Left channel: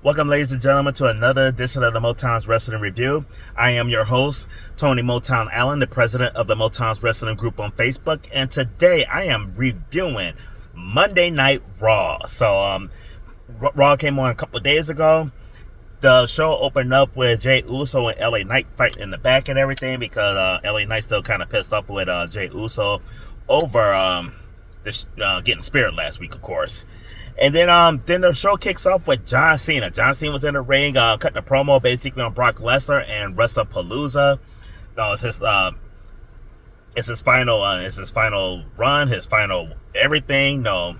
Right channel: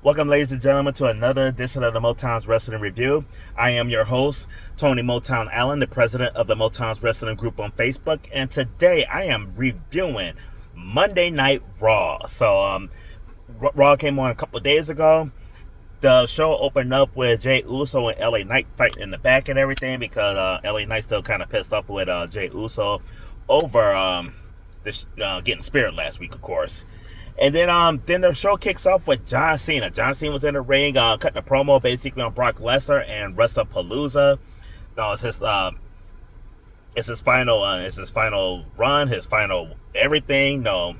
Welcome, ladies and gentlemen, to another edition of the Motown's Wrestling Review. I am your host, Tony Motown Allen, the president of the Motown's Wrestling Group on Facebook, and today I am reviewing Monday Night Raw. So, Raw came on a couple of days ago. The show opened up with Jey Uso and LA Knight fighting in the back and everything because LA Knight still kind of pissed off with Jey Uso over getting speared last week, of course. And then the show kicks off with John Cena. John Cena was in the ring, cutting a promo basically on Brock Lesnar and WrestlePalooza. No, it's his final run, his final everything. No,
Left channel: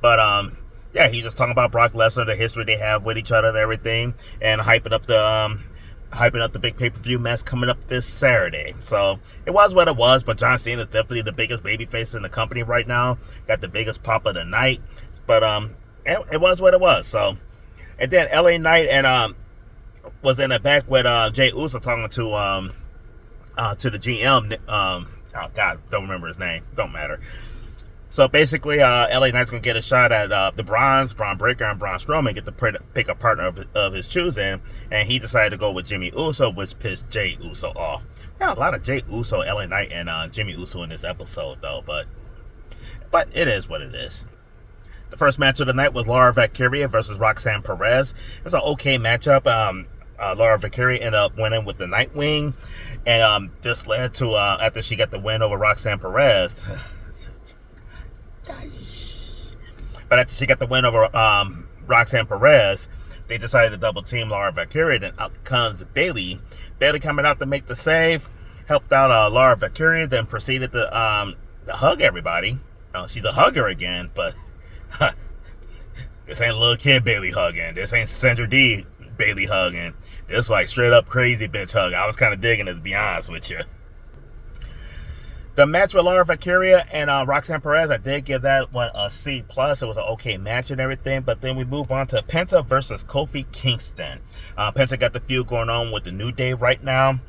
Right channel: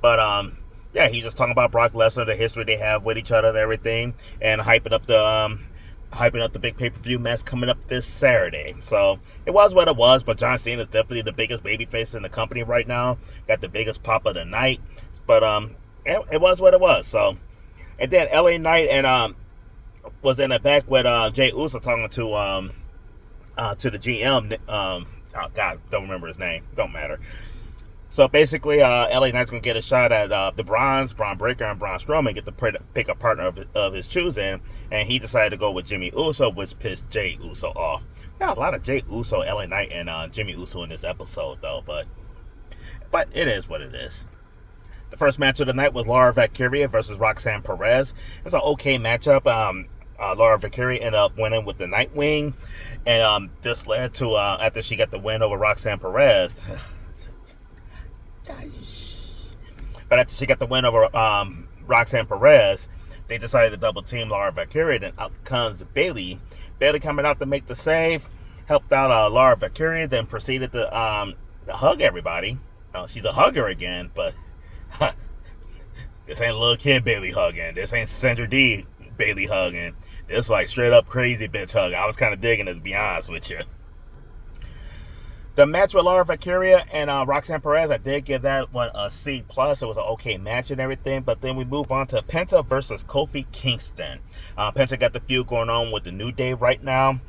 but yeah, he's just talking about Brock Lesnar, the history they have with each other and everything, and hyping up the big pay-per-view match coming up this Saturday. So it was what it was, but John Cena is definitely the biggest babyface in the company right now. Got the biggest pop of the night. But it was what it was. So, and then LA Knight and was in the back with Jey Uso talking to the GM. Oh God, don't remember his name. Don't matter. So basically, LA Knight's gonna get a shot at the Braun Breaker and Braun Strowman, get to pick a partner of his choosing, and he decided to go with Jimmy Uso, which pissed Jey Uso off. We got a lot of Jey Uso, LA Knight, and Jimmy Uso in this episode, though. But it is what it is. The first match of the night was Laura Valkyria versus Roxanne Perez. It was an okay matchup. Laura Valkyria ended up winning with the Nightwing, and this led to after she got the win over Roxanne Perez. But after she got the win over Roxanne Perez, they decided to double team Laura Valkyria. Then out comes Bayley. Bayley coming out to make the save, helped out Laura Valkyria, then proceeded to hug everybody. She's a hugger again, but this ain't a little kid Bayley hugging. This ain't Sandra D Bayley hugging. This like straight up crazy bitch hug. I was kind of digging it, to be honest with you. The match with Laura Valkyria and Roxanne Perez, I did give that one a C+. It was an okay match and everything. But then we move on to Penta versus Kofi Kingston. Penta got the feud going on with the New Day right now.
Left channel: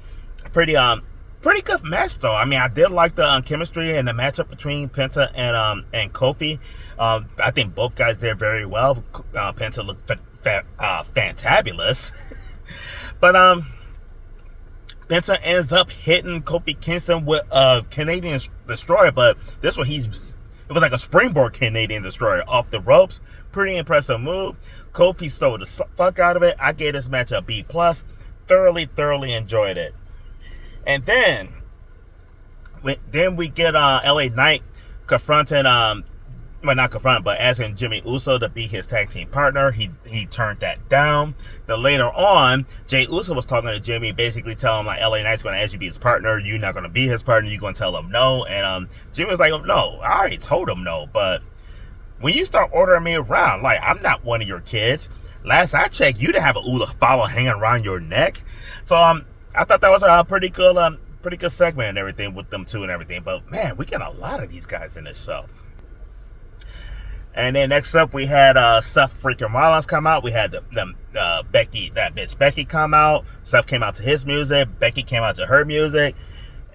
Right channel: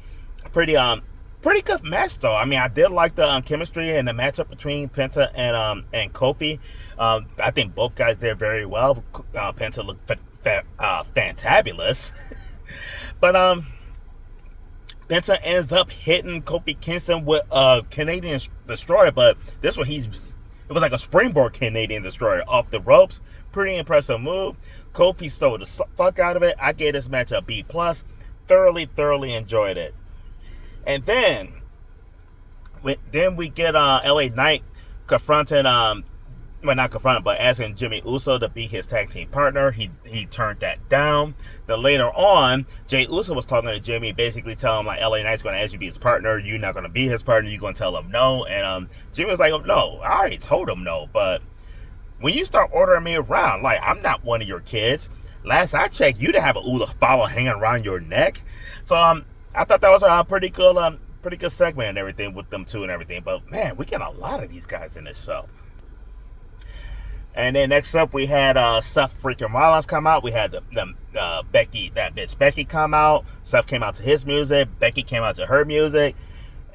Pretty good match though. I mean, I did like the chemistry and the matchup between Penta and Kofi. I think both guys did very well. Penta looked fantabulous. But Penta ends up hitting Kofi Kingston with a Canadian Destroyer, but this one it was like a springboard Canadian Destroyer off the ropes. Pretty impressive move. Kofi stole the fuck out of it. I gave this match a B+. Thoroughly enjoyed it. And then we get LA Knight confronting not confronting, but asking Jimmy Uso to be his tag team partner. He turned that down. Then later on, Jey Uso was talking to Jimmy, basically telling him like LA Knight's going to ask you to be his partner. You're not going to be his partner. You're going to tell him no. And Jimmy was like, oh, no, I already told him no. But when you start ordering me around, like I'm not one of your kids. Last I checked, you didn't have a Ula follow hanging around your neck. So I thought that was a pretty good segment and everything with them two and everything. But man, we get a lot of these guys in this show. And then next up, we had Seth freaking Rollins come out. We had the Becky come out. Seth came out to his music. Becky came out to her music.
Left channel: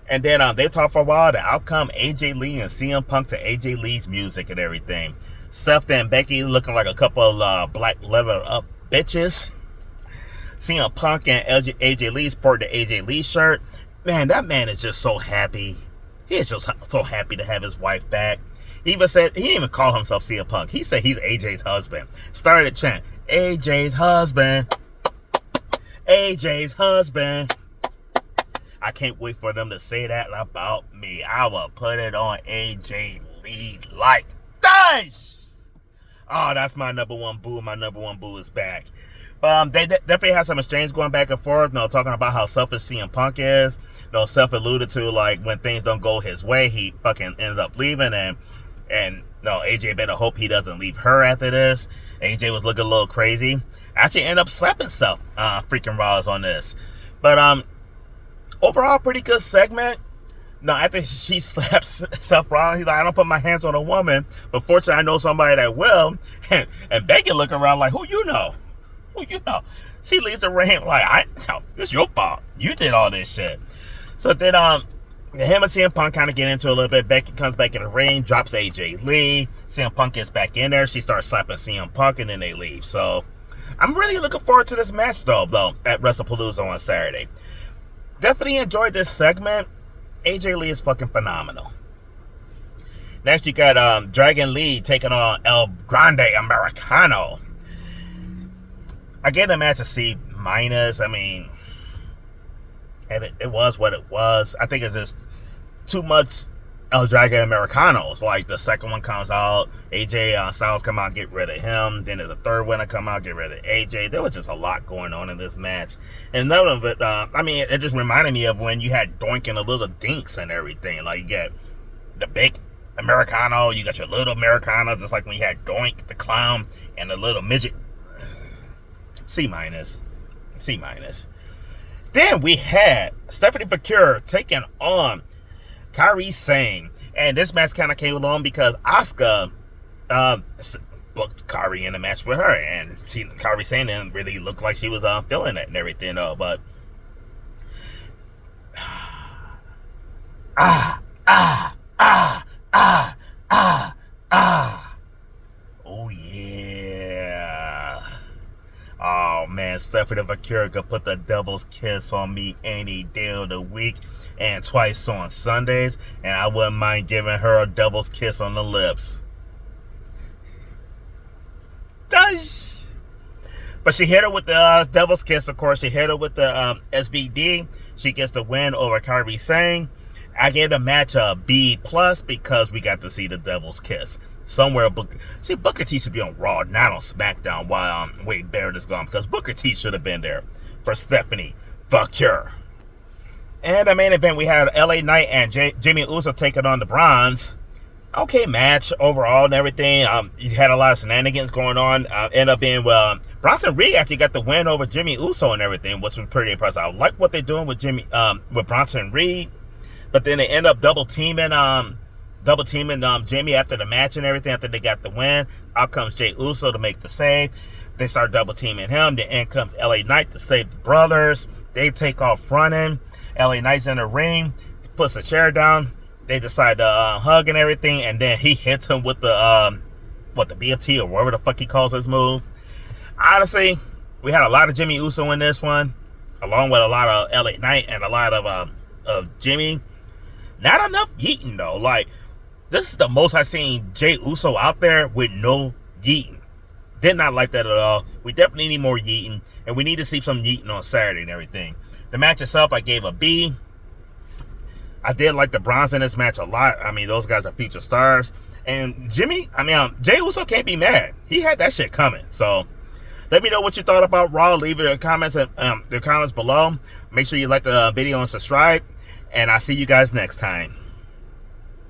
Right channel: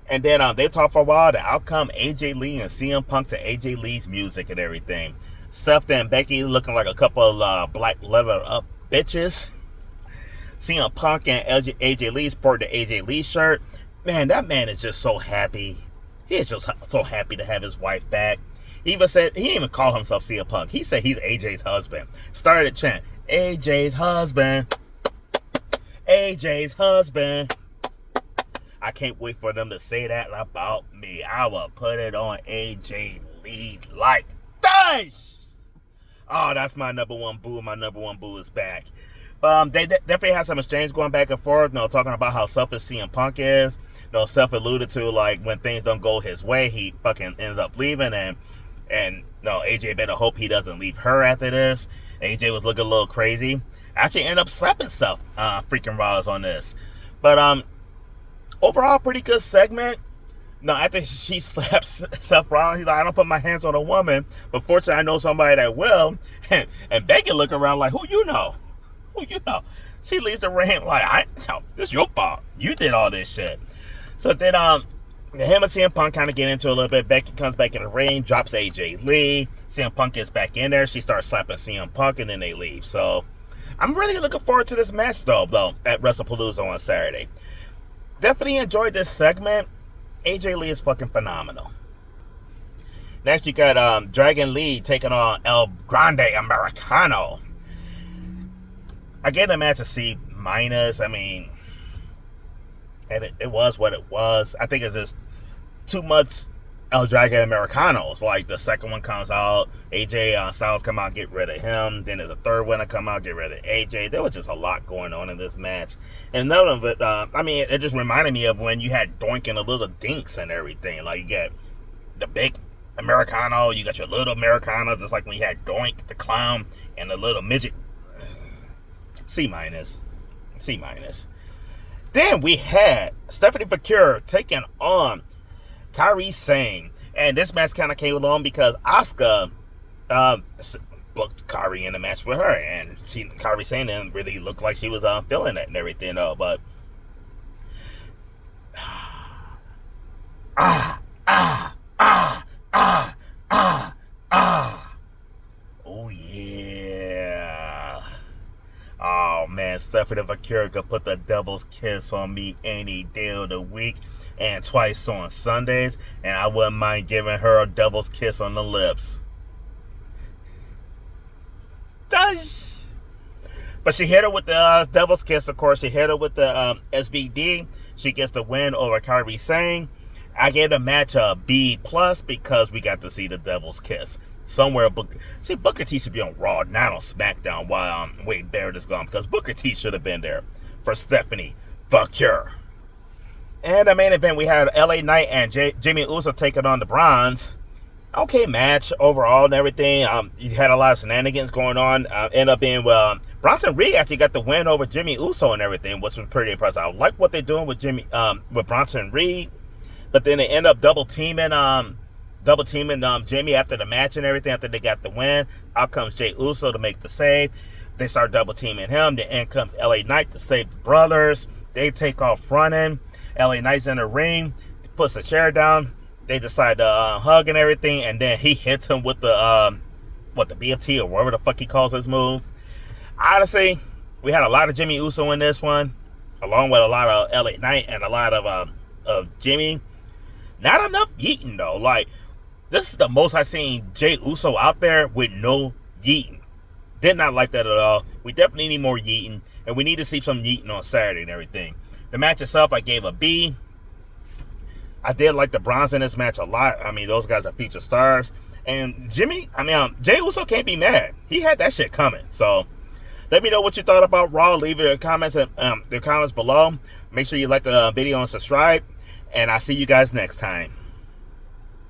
And then they talked for a while. The outcome, AJ Lee and CM Punk to AJ Lee's music and everything. Seth and Becky looking like a couple of black leather up bitches. CM Punk and AJ Lee sporting the AJ Lee shirt. Man, that man is just so happy. He is just so happy to have his wife back. He didn't even call himself CM Punk. He said he's AJ's husband. Started to chant, AJ's husband. AJ's husband. I can't wait for them to say that about me. I will put it on AJ Lee like this. Oh, that's my number one boo. My number one boo is back. They definitely had some exchange going back and forth, talking about how selfish CM Punk is. Seth alluded to, like, when things don't go his way, he fucking ends up leaving, and AJ better hope he doesn't leave her after this. AJ was looking a little crazy. Actually ended up slapping Seth freaking Rollins on this. But overall, pretty good segment. After she slaps Seth Rollins, he's like, I don't put my hands on a woman, but fortunately I know somebody that will. And Becky looking around like, who you know? She leaves the ring like, this is your fault. You did all this shit. So then him and CM Punk kind of get into a little bit. Becky comes back in the ring, drops AJ Lee. CM Punk gets back in there. She starts slapping CM Punk, and then they leave. So I'm really looking forward to this match, though, at WrestlePalooza on Saturday. Definitely enjoyed this segment. AJ Lee is fucking phenomenal. Next, you got Dragon Lee taking on El Grande Americano. I gave the match a C-. I mean, and it was what it was. I think it's just too much El Dragon Americanos. Like, the second one comes out, AJ Styles come out, get rid of him. Then there's a third one to come out, get rid of AJ. There was just a lot going on in this match. And none of it, I mean, it just reminded me of when you had Doink and the little Dinks and everything. Like, you got the big Americano, you got your little Americano, just like when you had Doink, the clown, and the little midget. C-. Then we had Stephanie Foucault taking on Kairi Sane. And this match kind of came along because Asuka booked Kairi in the match for her. And Kairi Sane didn't really look like she was feeling it and everything, though. But oh yeah. Oh man, Stephanie Foucault could put the devil's kiss on me any day of the week and twice on Sundays, and I wouldn't mind giving her a devil's kiss on the lips. But she hit her with the devil's kiss, of course. She hit her with the SBD. She gets the win over Kairi Sane. I gave the match a B+ because we got to see the devil's kiss. Somewhere, Booker T should be on Raw, not on SmackDown while Wade Barrett is gone, because Booker T should have been there for Stephanie Foucault. And the main event, we had LA Knight and Jimmy Uso taking on the Bronze. Okay match overall and everything. You had a lot of shenanigans going on. Ended up being, Bronson Reed actually got the win over Jimmy Uso and everything, which was pretty impressive. I like what they're doing with with Bronson Reed, but then they end up double teaming Jimmy after the match and everything, after they got the win. Out comes Jey Uso to make the save. They start double teaming him. Then in comes LA Knight to save the brothers. They take off running. LA Knight's in the ring, puts the chair down. They decide to hug and everything, and then he hits him with the BFT or whatever the fuck he calls his move. Honestly, we had a lot of Jimmy Uso in this one, along with a lot of LA Knight and a lot of Jimmy. Not enough yeeting though. Like, this is the most I've seen Jey Uso out there with no yeeting. Did not like that at all. We definitely need more yeeting, and we need to see some yeeting on Saturday and everything. The match itself, I gave a B. I did like the Bronze in this match a lot. I mean, those guys are featured stars. And Jey Uso can't be mad. He had that shit coming. So, let me know what you thought about Raw. Leave your comments below. Make sure you like the video and subscribe. And I'll see you guys next time.